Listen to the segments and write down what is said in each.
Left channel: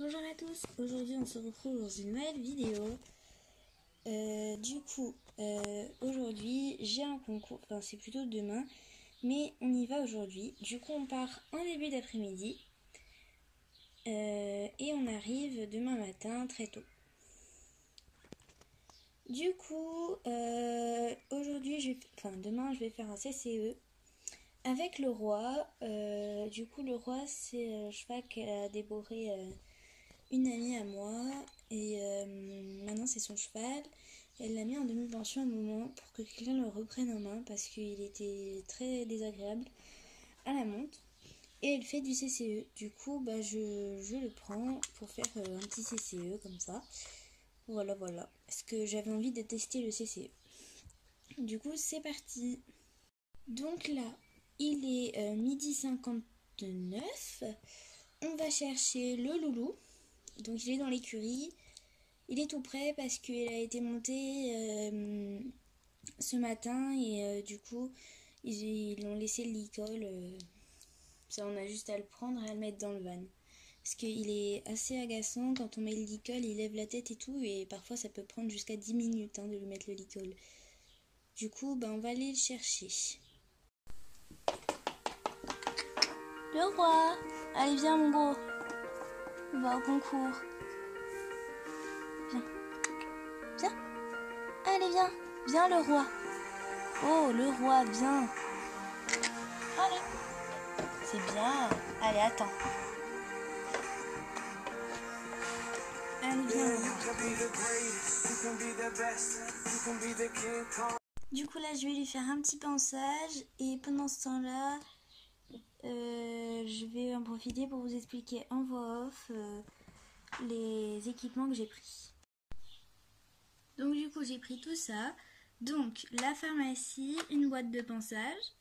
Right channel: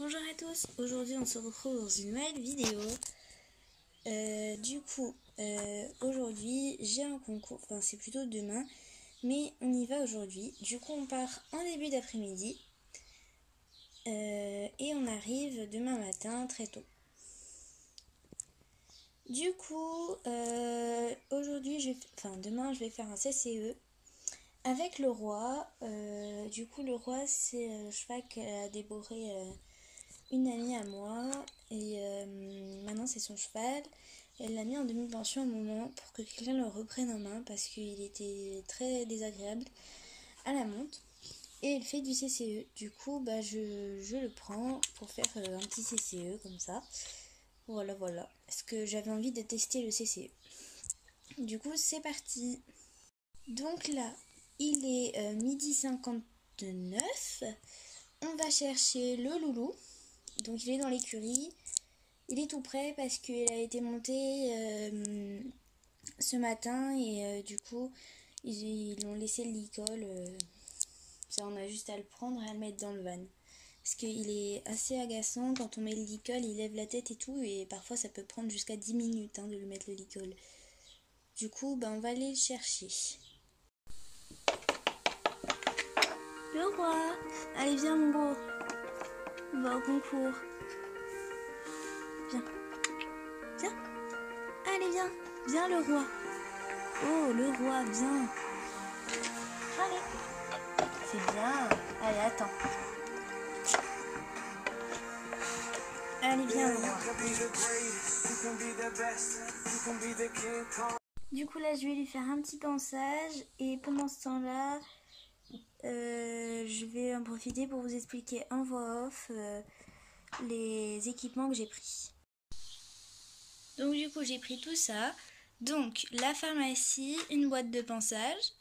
Bonjour à tous, aujourd'hui on se retrouve dans une nouvelle vidéo. Aujourd'hui j'ai un concours, enfin c'est plutôt demain, mais on y va aujourd'hui. Du coup on part en début d'après-midi et on arrive demain matin très tôt. Du coup demain je vais faire un CCE avec le roi. Du coup le roi c'est un cheval qu'elle a dévoré une amie à moi et maintenant c'est son cheval. Elle l'a mis en demi-pension un moment pour que quelqu'un le reprenne en main parce qu'il était très désagréable à la monte et elle fait du CCE. Du coup je le prends pour faire un petit CCE comme ça. Voilà parce que j'avais envie de tester le CCE. Du coup c'est parti. Donc là il est 12h59. On va chercher le loulou. Donc il est dans l'écurie, il est tout prêt parce qu'il a été monté ce matin et du coup ils l'ont laissé le licol. Ça on a juste à le prendre et à le mettre dans le van. Parce qu'il est assez agaçant quand on met le licol, il lève la tête et tout et parfois ça peut prendre jusqu'à 10 minutes de lui mettre le licol. Du coup on va aller le chercher. Le roi, allez viens mon beau, on va au concours. Viens. Allez, viens. Viens, le roi. Oh, le roi, viens. Allez. C'est bien. Allez, attends. Allez, viens. Du coup, là, je vais lui faire un petit pansage. Et pendant ce temps-là, je vais en profiter pour vous expliquer en voix off les équipements que j'ai pris. Donc, du coup, j'ai pris tout ça. Donc, la pharmacie, une boîte de pansage,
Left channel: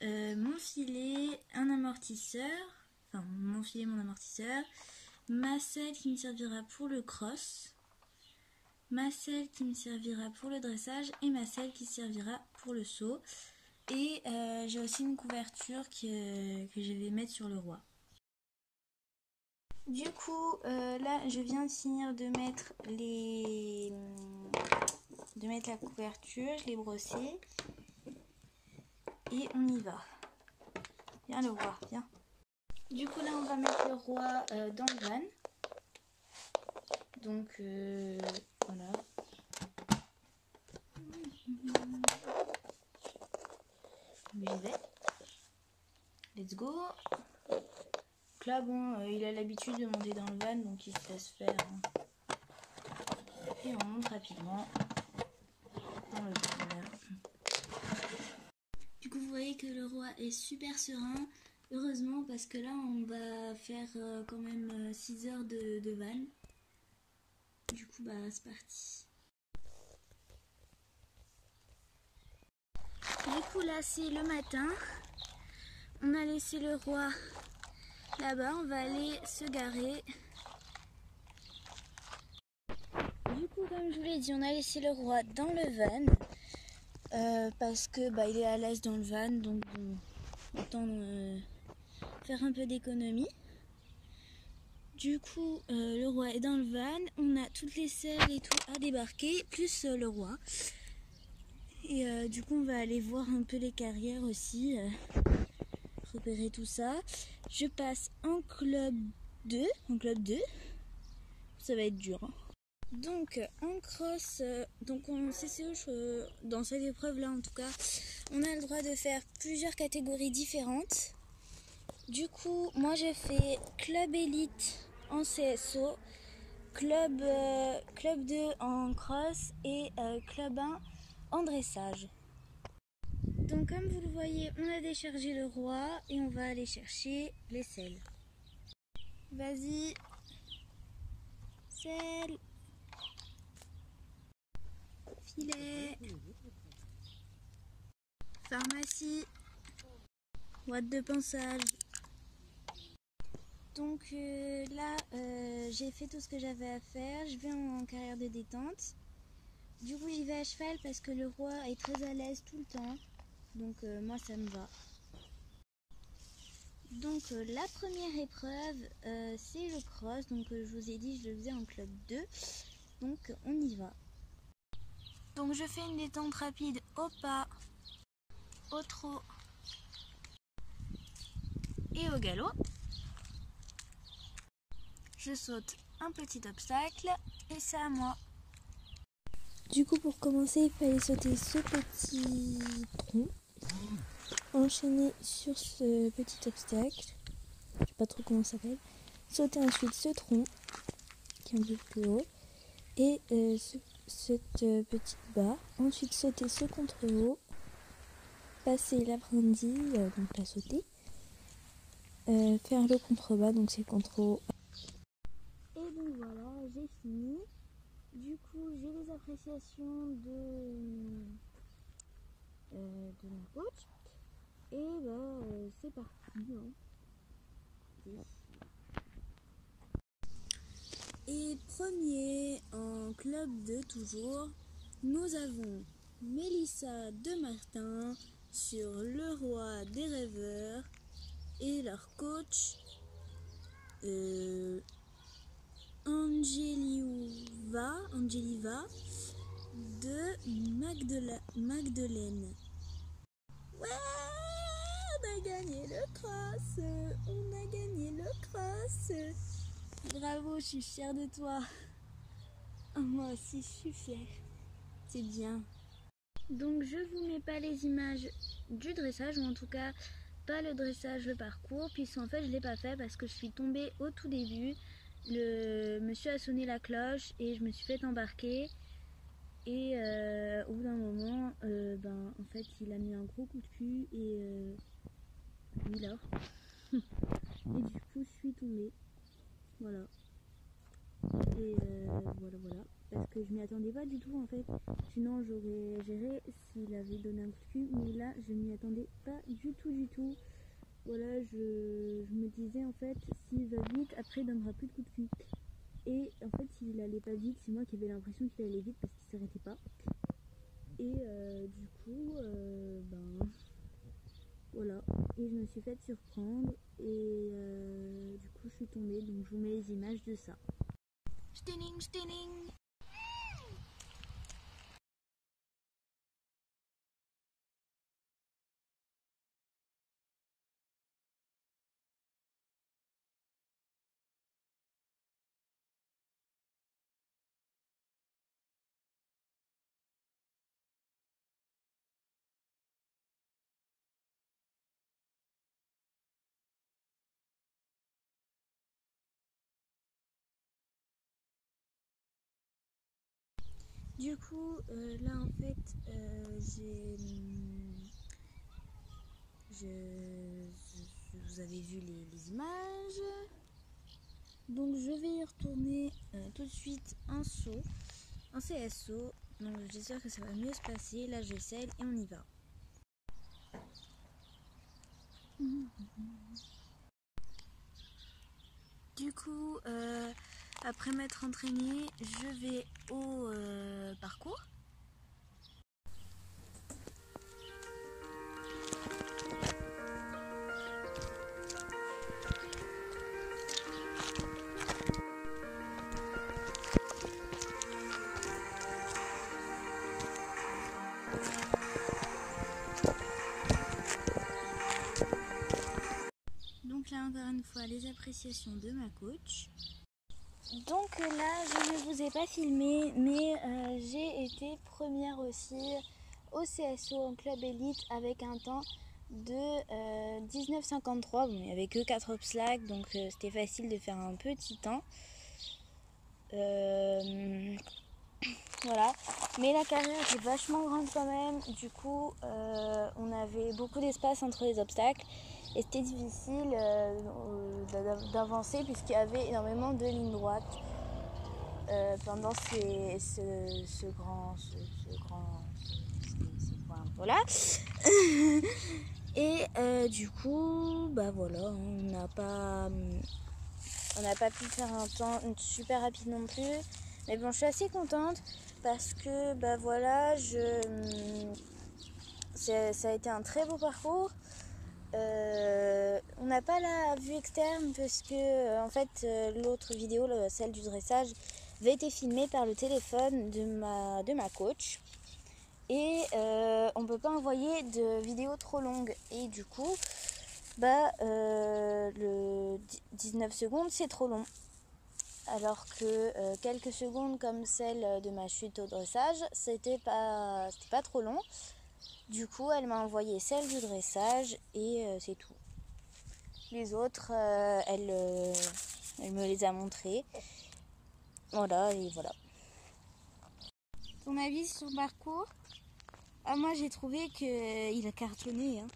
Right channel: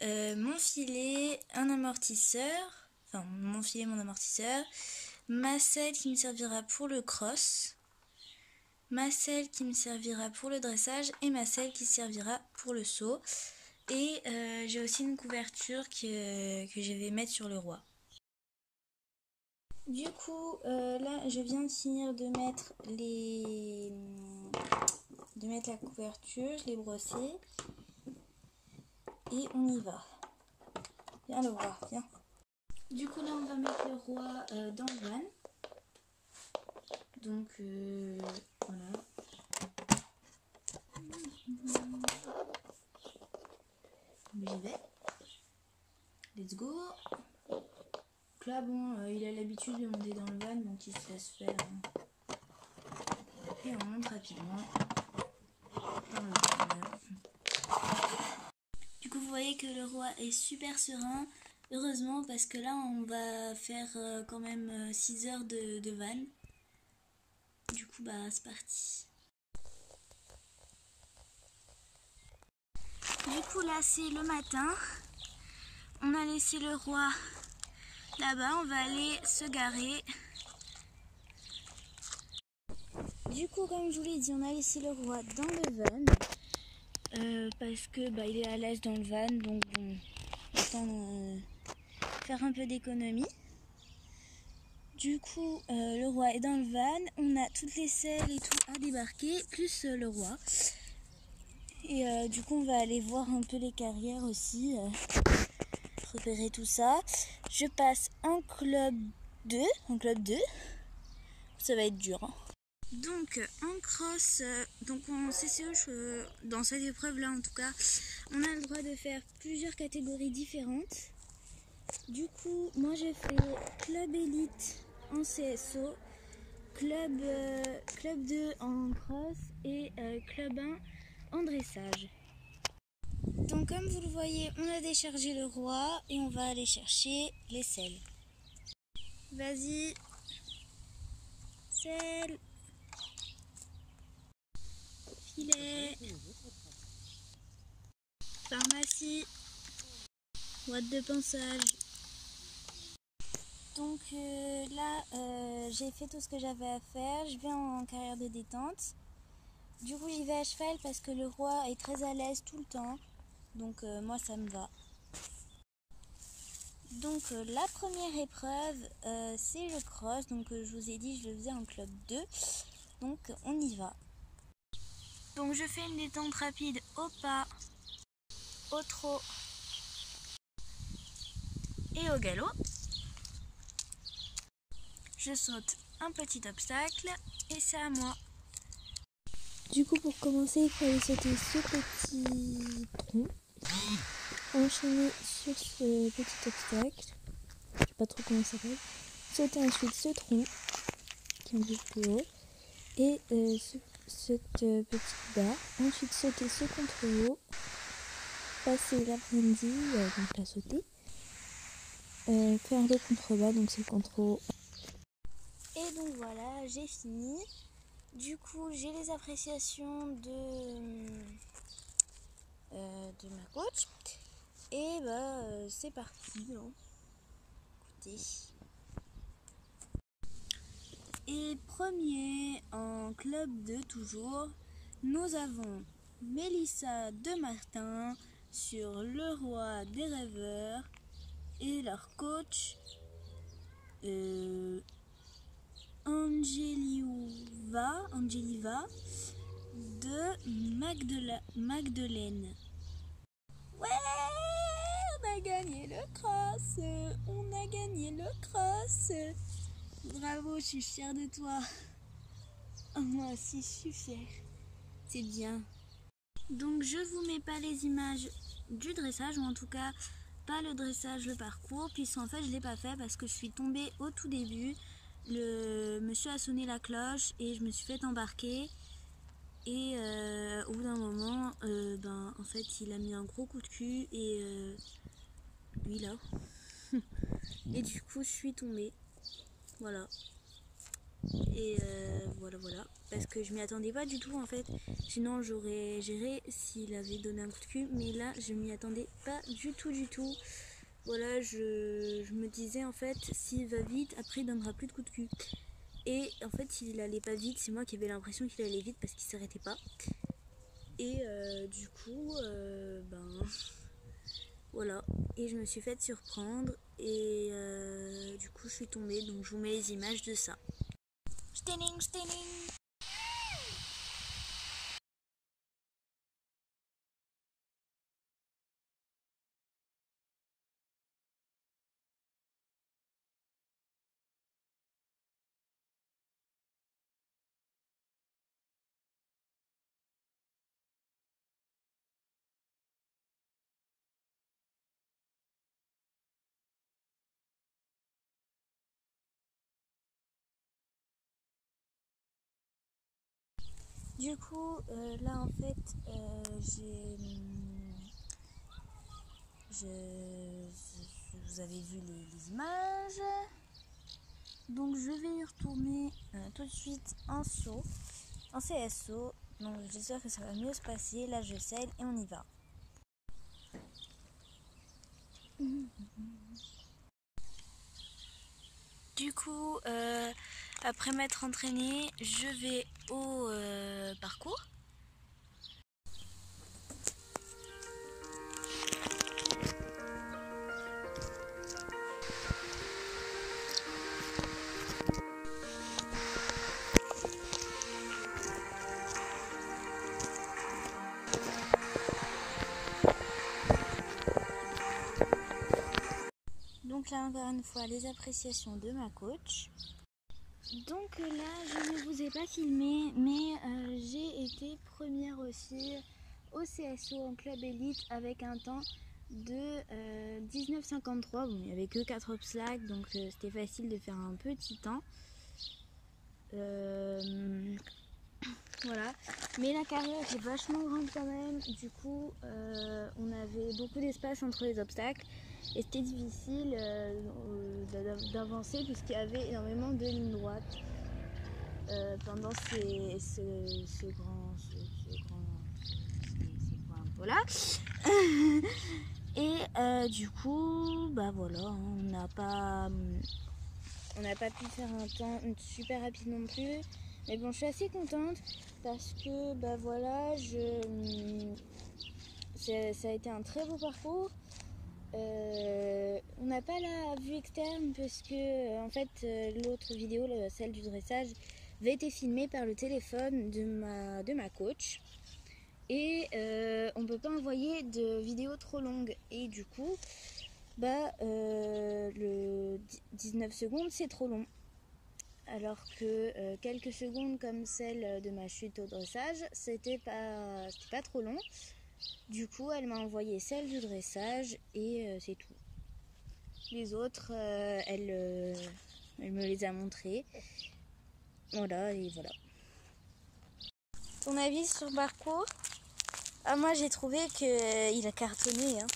mon filet, un amortisseur, enfin mon filet, mon amortisseur, ma selle qui me servira pour le cross, ma selle qui me servira pour le dressage et ma selle qui servira pour le saut. Et j'ai aussi une couverture que je vais mettre sur le roi. Du coup, là, je viens de finir de mettre la couverture, je l'ai brossée. Et on y va. Viens le roi, viens. Du coup là on va mettre le roi dans le van. Donc voilà. J'y vais. Let's go. Donc là bon, il a l'habitude de monter dans le van donc il se laisse faire. Et on monte rapidement dans le van. Du coup vous voyez que le roi est super serein. Heureusement parce que là on va faire quand même 6 heures de van. Du coup c'est parti. Du coup là c'est le matin. On a laissé le roi là-bas, on va aller se garer. Du coup comme je vous l'ai dit, on a laissé le roi dans le van. Parce que il est à l'aise dans le van, donc bon, autant faire un peu d'économie. Du coup, le roi est dans le van, on a toutes les selles et tout à débarquer, plus le roi. Et du coup, on va aller voir un peu les carrières aussi, repérer tout ça. Je passe en club 2, ça va être dur. Hein. Donc en cross, donc en CCE, dans cette épreuve là en tout cas, on a le droit de faire plusieurs catégories différentes. Du coup, moi j'ai fait club élite en CSO, club 2 en cross et club 1 en dressage. Donc comme vous le voyez, on a déchargé le roi et on va aller chercher les selles. Vas-y, selle. Filet, pharmacie, boîte de pansage. Donc là, j'ai fait tout ce que j'avais à faire. Je vais en carrière de détente. Du coup, j'y vais à cheval parce que le roi est très à l'aise tout le temps. Donc moi, ça me va. Donc la première épreuve, c'est le cross. Donc je vous ai dit, je le faisais en club 2. Donc on y va. Donc je fais une détente rapide au pas, au trot et au galop. Je saute un petit obstacle et c'est à moi. Du coup, pour commencer, il fallait sauter ce petit tronc, enchaîner sur ce petit obstacle, je sais pas trop comment ça s'appelle, sauter ensuite ce tronc qui est un peu plus haut et cette petite barre, ensuite sauter ce contre-haut, passer la brindille, donc la sauter, faire le contre-bas, donc c'est le contre-haut. Et donc voilà, j'ai fini. Du coup, j'ai les appréciations de ma coach. Et c'est parti. Écoutez. Et premier en club 2 toujours, nous avons Mélissa de Martin sur le roi des rêveurs et leur coach Angeliva de Magdeleine. Ouais, on a gagné le cross, on a gagné le cross. Bravo, je suis fière de toi. Oh, moi aussi, je suis fière. C'est bien. Donc, je vous mets pas les images du dressage, ou en tout cas, pas le dressage, le parcours, puisqu'en fait, je l'ai pas fait parce que je suis tombée au tout début. Le monsieur a sonné la cloche et je me suis fait embarquer. Et au bout d'un moment, en fait, il a mis un gros coup de cul et lui là. Et du coup, je suis tombée. Voilà. Et voilà. Parce que je m'y attendais pas du tout en fait. Sinon, j'aurais géré s'il avait donné un coup de cul. Mais là, je m'y attendais pas du tout. Voilà, je me disais en fait, s'il va vite, après il donnera plus de coups de cul. Et en fait, il allait pas vite. C'est moi qui avais l'impression qu'il allait vite parce qu'il s'arrêtait pas. Et du coup, voilà. Et je me suis faite surprendre. Et du coup, je suis tombée. Donc, je vous mets les images de ça. Stunning. Du coup, là en fait, vous avez vu les images. Donc je vais y retourner tout de suite en saut, en CSO. Donc j'espère que ça va mieux se passer. Là je scelle et on y va. Du coup, après m'être entraînée, je vais au parcours. Donc là encore une fois les appréciations de ma coach. Donc là je ne vous ai pas filmé mais j'ai été première aussi au CSO en club élite avec un temps de 19,53. Bon, il n'y avait que 4 obstacles donc c'était facile de faire un petit temps. Voilà, mais la carrière était vachement grande quand même, du coup on avait beaucoup d'espace entre les obstacles et c'était difficile d'avancer puisqu'il y avait énormément de lignes droites pendant ces points là. Et du coup, voilà, on n'a pas pu faire un temps super rapide non plus. Mais bon, je suis assez contente parce que voilà, ça a été un très beau parcours. on n'a pas la vue externe parce que en fait l'autre vidéo, celle du dressage, avait été filmée par le téléphone de ma coach. Et on peut pas envoyer de vidéos trop longues. Et du coup, le 19 secondes, c'est trop long. Alors que quelques secondes comme celle de ma chute au dressage, c'était pas trop long. Du coup, elle m'a envoyé celle du dressage et c'est tout. Les autres, elle me les a montrées. Voilà, et voilà. Ton avis sur le parcours? Ah, moi j'ai trouvé qu'il a cartonné. Hein.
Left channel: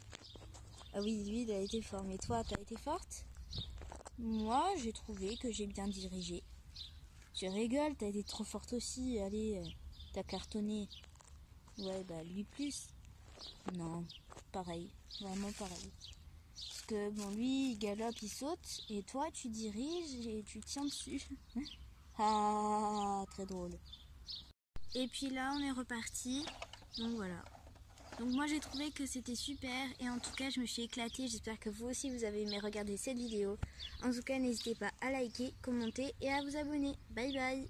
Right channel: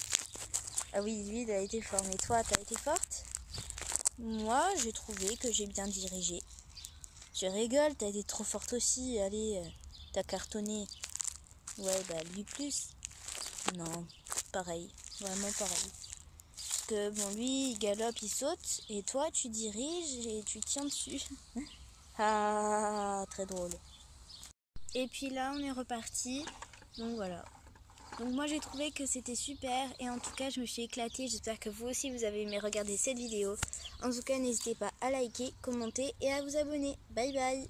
Ah oui, lui il a été fort. Mais toi, t'as été forte? Moi, j'ai trouvé que j'ai bien dirigé. Je rigole, t'as été trop forte aussi. Allez, t'as cartonné. Ouais, bah lui plus. Non, pareil. Vraiment pareil. Parce que bon, lui, il galope, il saute. Et toi, tu diriges et tu tiens dessus. Ah, très drôle. Et puis là, on est reparti. Donc voilà. Donc moi j'ai trouvé que c'était super et en tout cas je me suis éclatée. J'espère que vous aussi vous avez aimé regarder cette vidéo. En tout cas n'hésitez pas à liker, commenter et à vous abonner. Bye bye.